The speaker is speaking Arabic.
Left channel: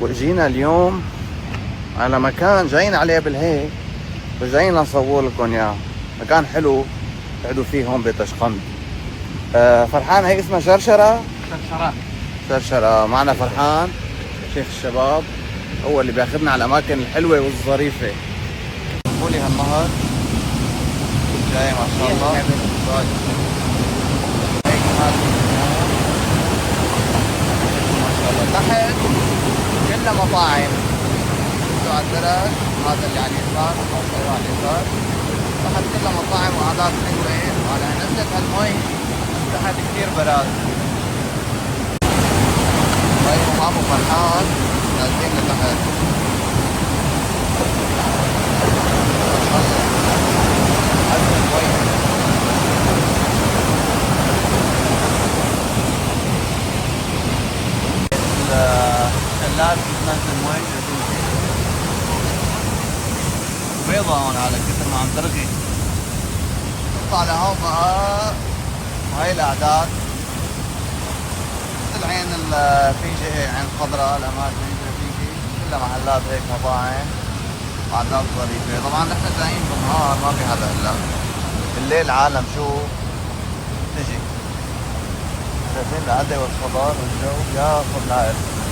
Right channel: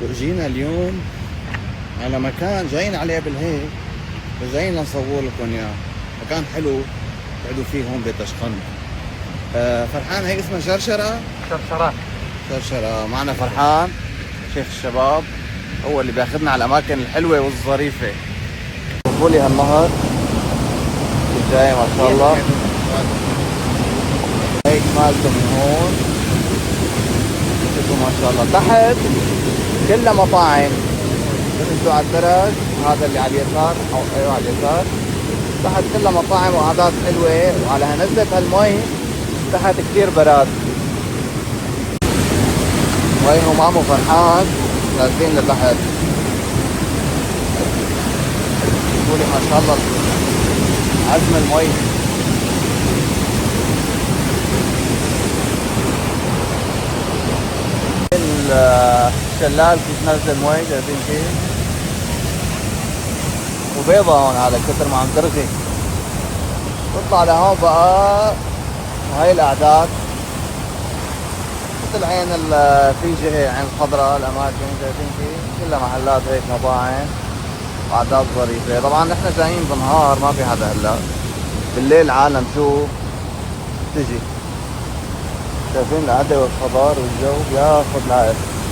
واجينا اليوم على مكان جايين عليه بالهيك، وجايين نصور لكم اياه. مكان حلو تقعدوا فيه هون بتشقند. فرحان، هي اسمها شرشرة. شرشرة معنا فرحان شيخ الشباب، هو اللي بياخذنا على الاماكن الحلوة والظريفة. شوفوا لي هالنهر جاي ما شاء الله. تحت كلها مطاعم، انتوا على الدرج، هذا اللي على اليسار، على اليسار تحت كلها مطاعم وقعدات حلوة. على نزلة المي تحت كثير براد. شايفوا معكم فرحان نازلين لتحت. الشلال بتنزل مي جايبين فيه، وبيضة هون على كثر ما عم ترغي. تطلع لهون بقى هاي الأعداد مثل عين في جهة عين الخضراء، الأماكن جايبين فيه كلها محلات هيك مطاعم، أعداد ظريفة. طبعا نحن جايين بالنهار ما في حدا هلا، بالليل عالم شوف تجي. شايفين القعدة والخضار والجو ياخذ العقل.